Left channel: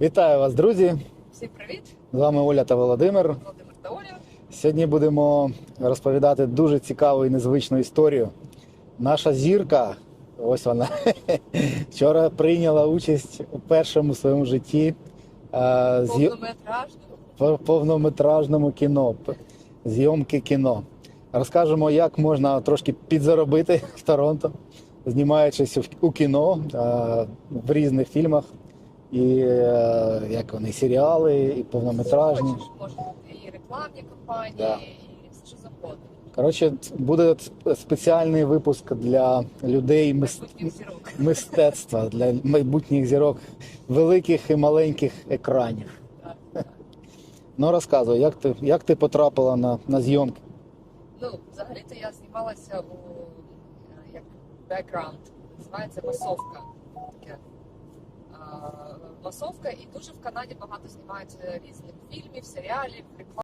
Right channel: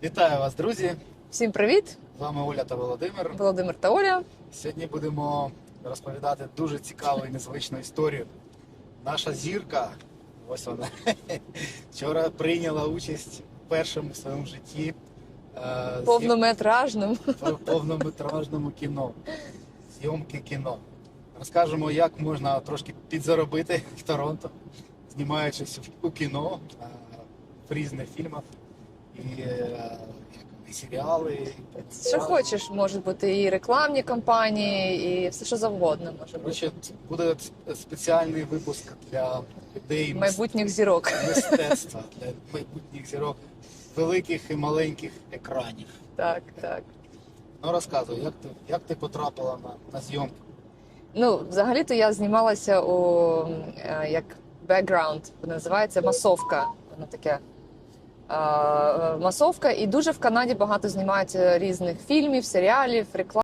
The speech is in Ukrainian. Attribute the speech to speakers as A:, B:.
A: Вітаю вас, друзі!
B: Всім привіт!
A: З вами Оля та Володимир.
B: Володимир та Оля.
A: Сьогодні будемо розповідати дуже цікаву і незвичну історію. Наша зірка, ось вона, вчора прийняла участь у першому своєму житті е, з'ї- повнометражному кіно, зйомки кіно. Розкажемо, як можна трошки підзаробити в Торонто, знімаючись у кіно е, в різних фільмах. І е, як вони, серіали, і
B: Що хочеш, можуть бути і рекламні кампанії, і все що завгодно може.
A: Коротше, буде спеціальний випуск для людей
B: Майбутніх зірок.
A: мистецтва, для майбутніх зірок великих і маленьких екранів.
B: Так, так.
A: Ну розказуй, як ти, як ти потрапила на, на зйомки?
B: Ну, взагалі-то я знімалася у е, як бекграунд, називається масовка. Воно таке. Е, Масовка, і дуже в Канаді багато знімають різних фільмів, серіалів, реклам.